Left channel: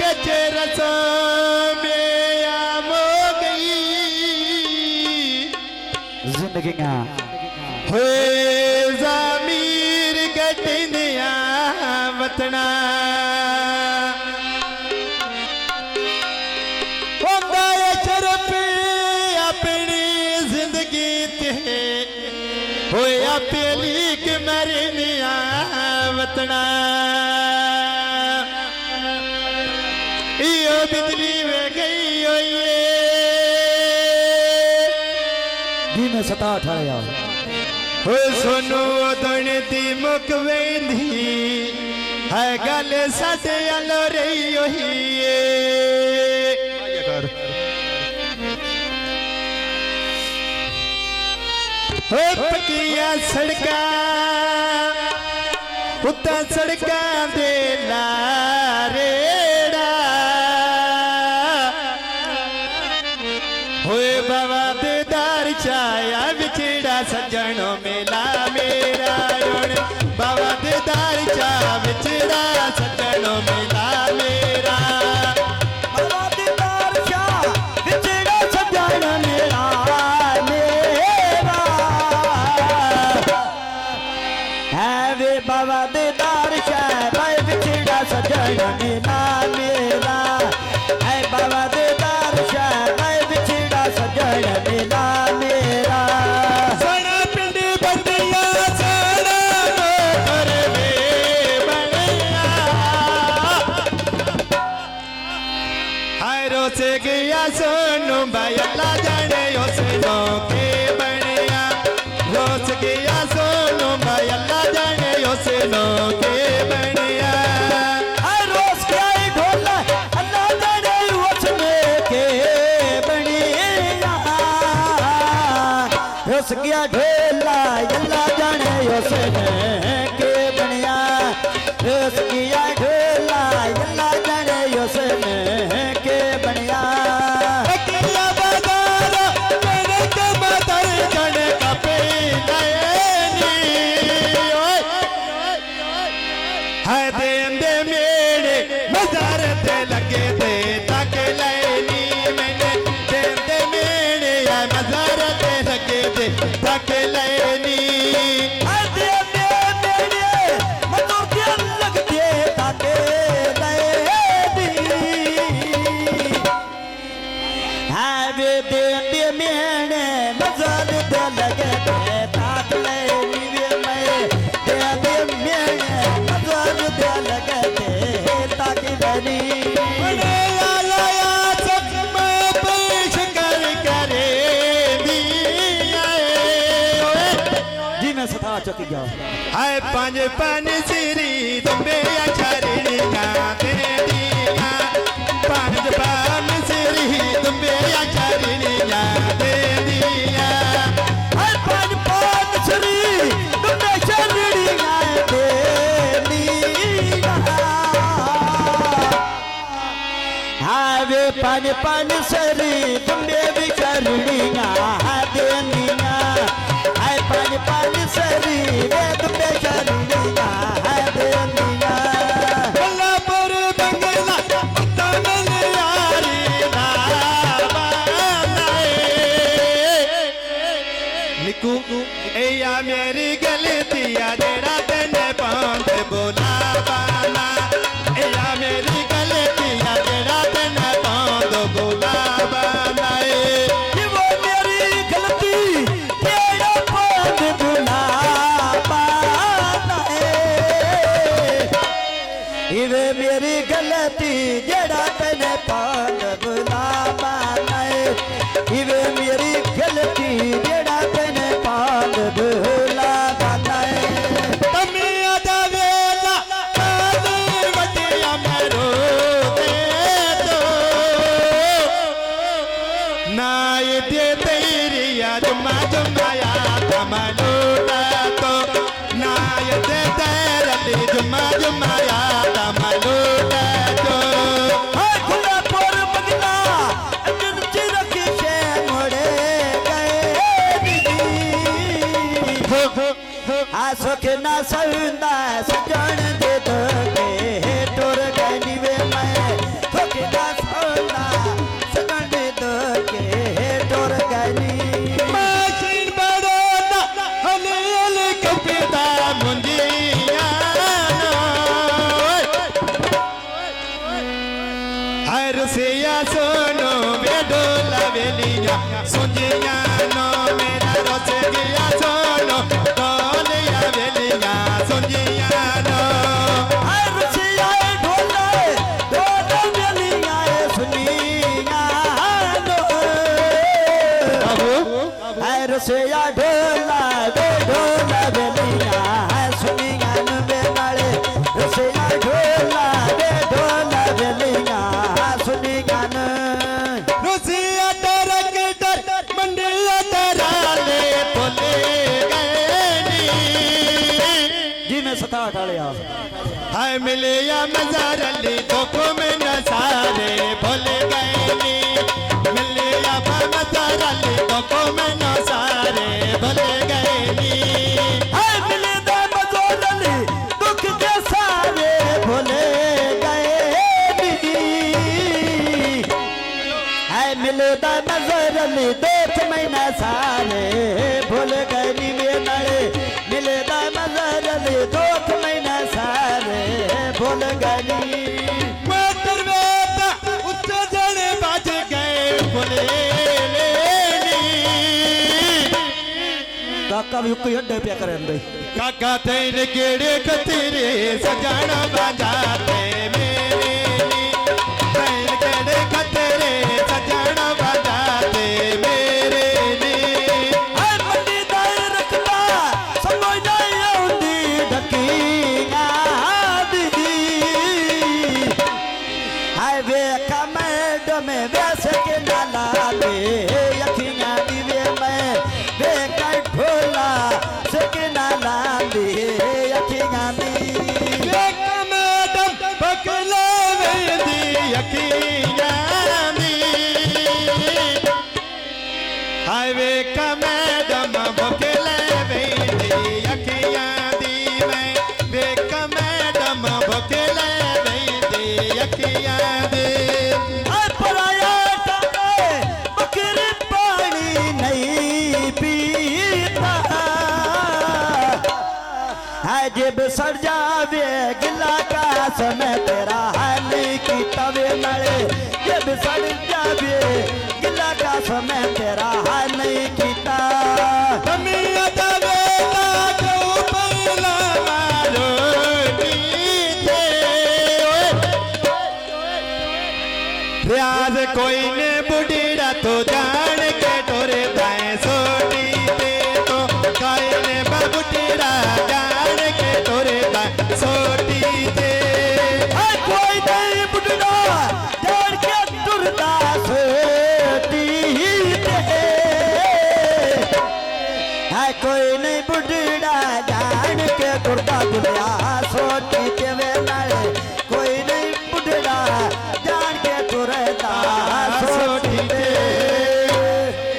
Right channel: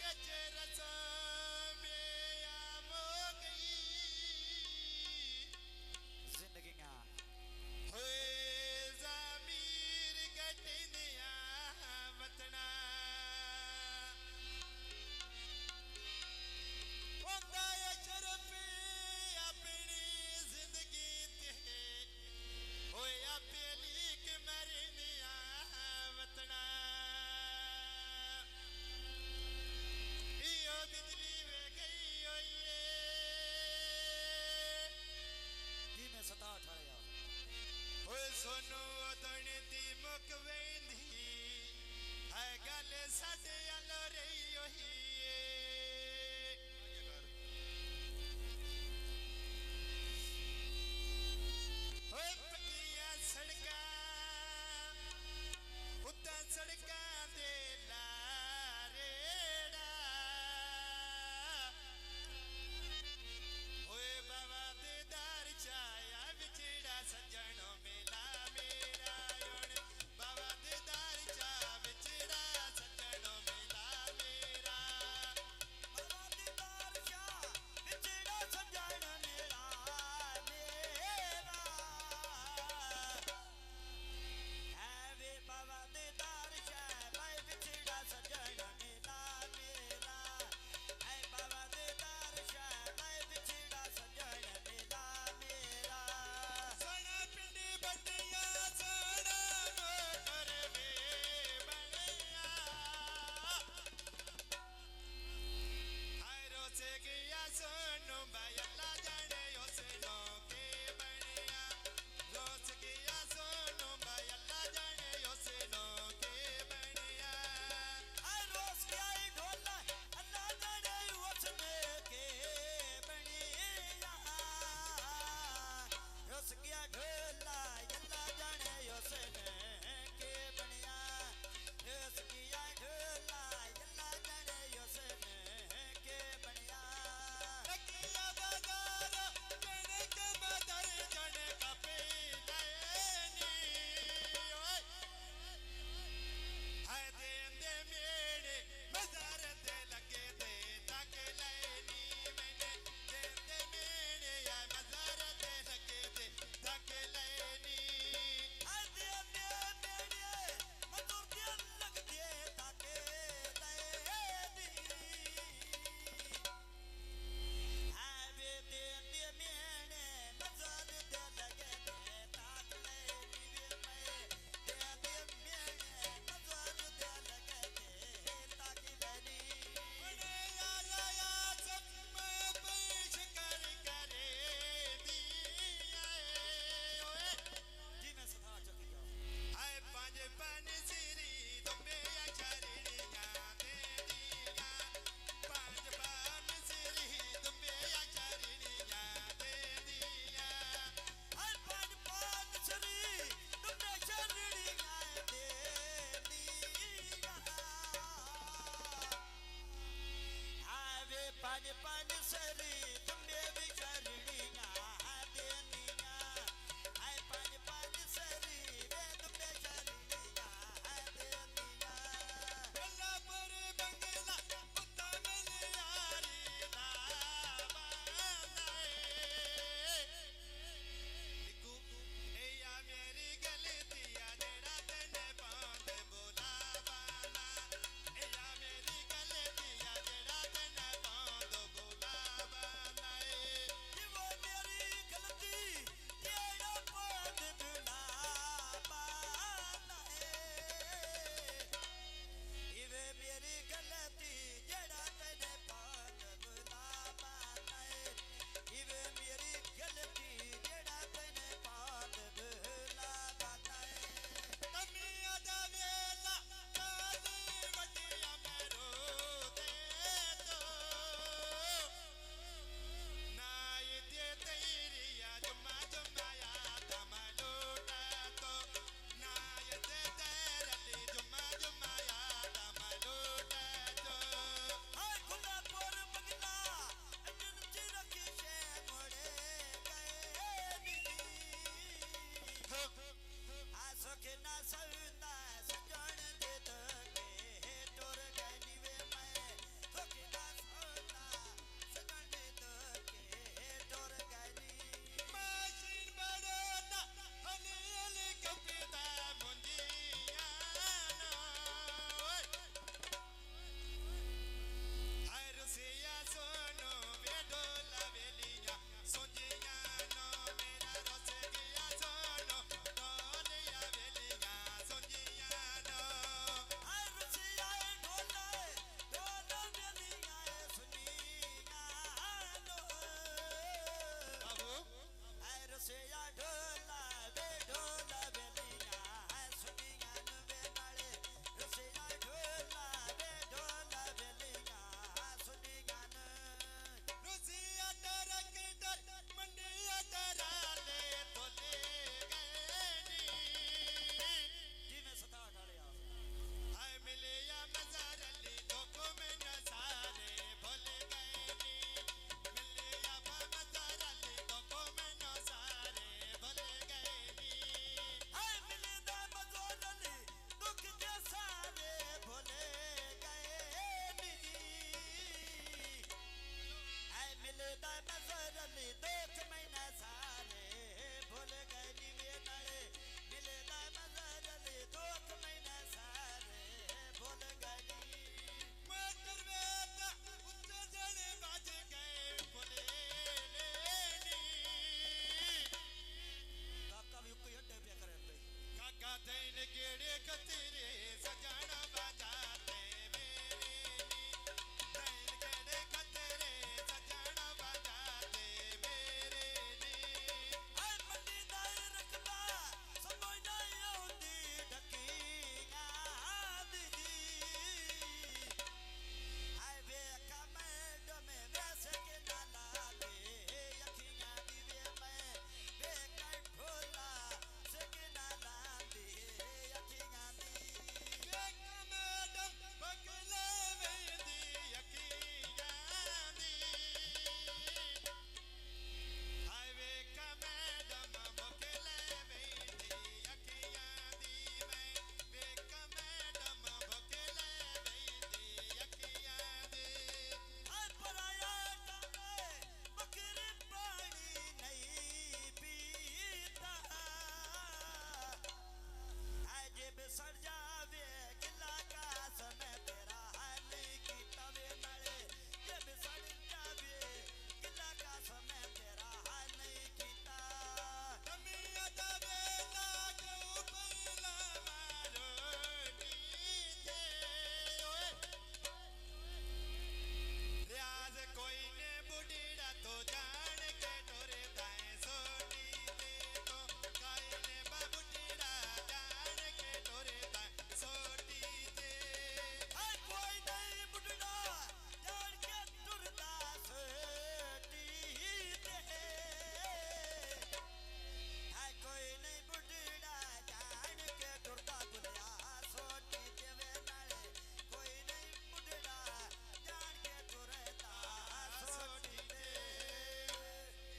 कच रसों में आम हो गई जिंदगियां होए ज़मीर गटनिया वतना होंदा शरफ अपनी जिंदगी ते होया पहली के मरनिया वतना यो बिजली में गई होइए दी में सता ठाया हो सोनू दण दी मुक वेंदी है गल साडे अलो रही होइए हो पकिया सड़का उत्ता सड़का दे लारेड़ा होए बाबा दे दार छाया बिछड़ा सज्जनों मेला मेरा रोण बाबा दे दार छा बिछड़ा सज्जनों मेला मेरा बाबा दे दार छा बिछड़ा सज्जनों मेला मेरा है वे बाबा दे दार छा बिछड़ा सज्जनों मेला मेरा है बाबा दे दार छा बिछड़ा सज्जनों मेला मेरा सड़ा पिंड बंदिया सड़ा मोहर में बनिया हाय रोसे गया सोनू भाई अल्लाह जाने उसनो के बनिया रोस गया सोनू भाई अल्लाह जाने उसनो के बनिया हर रोज क्या ढोला अल्लाह जाने उसने के बनिया रोज क्या ढोला अल्लाह जाने उसने के बनिया रोज क्या ढोला अल्लाह जाने उसने के बनिया अकेला बाजार मेरे कमतर जने कपे नयनी हाय देंदे मेरे मजार ते लगे दे तक लैनी मैंने देंदे मेरे या मजार ते लगे दे तक लैनी चुकी गया हाय पांच पान सिरी तुम्बे अचरनिया देनिया पांच पान सिरी तुम्बे अचरनिया देनिया हाय पांच पान सिरी तुम्बे अचरनिया देनिया हाय वे पांच पान सिरी तुम्बे अचरनिया देनिया हाय पांच पान सरी वे तुम्बे चरनिया है देनिया बल्लापुर बंगला तमन यारी नाबानाए निकू ए या मेरी गलती आ जेड़ा तने पांच बोला बाना ए या मेरी गलती आ जेड़ा तने पांच बोला बानाए इवे मेरी गलती जड़ा तेने पान बुला पाए इवे मेरी गलती जड़ा तेने पान बुला पाए तमी आदा वेला आदे वटिया मरो दे दो ना ये दे तेरी याद जुमाया तमनोटा तो ना ये दे तेरी जुमाया तमनोटा तो हाय खुला पर बगला अजन चिरक से मोड़े गए आ सुख ना सहुंदा सजन दे दो के टोर गनी वे मैं है रसिया ढोला वे ढोला बेलिया है सुनिया वे नाले रसिया ढोला वे ढोला बेलिया सुनिया रुसिया तेरा गिटर मंडिया तेरा ले बोले गए नी जी मैं 67 वाले आ हाय मिले या मजार अली धोखों में न सारे भूल गए नी मिले या मजार अली धोखों में न सारे भूल गए नी हाय मिले दा मजार अली दुख के सारे भूले गए नी हाय मिले दा मजार अली देख महीना सारे भूल गए नी वे नाले मिले दा मजार अली दुख महीना सारे भूल गए नी काका भी कोई अड्डे पे करे अंदर काका तेरे केड़े कतीरे सजाना बजाते मेरे तेरे केड़े कतीरे सजाना बजाते मेरे ने हाय मंडी दाई रखता समझ नहीं आउंदी ढकिया दीदी हाय वे कमेड में वैसे के नाला दे यखियां दी वे मैं वे कर ढोला सके नाला दे यखियां दी वे कमेडम बकले वेंदी यखियां दी हाय वे कमेडम बकले वेंदी यखियां दी मैं वे कमेडम बकले वेंदी यखियां दी हाय पराया टाके बकरी पानी नहीं पीता है जब सड़ जावे गिला का समय तेरा है नहीं कीता वे नले जब सड़ जावे गिला का समय तेरा है नहीं कीता तमिया दवे लागो पहला मारो नीचे रियाज कोई ने बुढ़ीड़ा तो जान के टोरे दाएं सोटी पे तो कोई ने बुढ़ीड़ा जान के टोरे दाएं सोटी पे है कोई नहीं बुढ़ा जान के टुरदा सोती है कोई नहीं बुढ़ा जान के टुरदा दुनिया सोती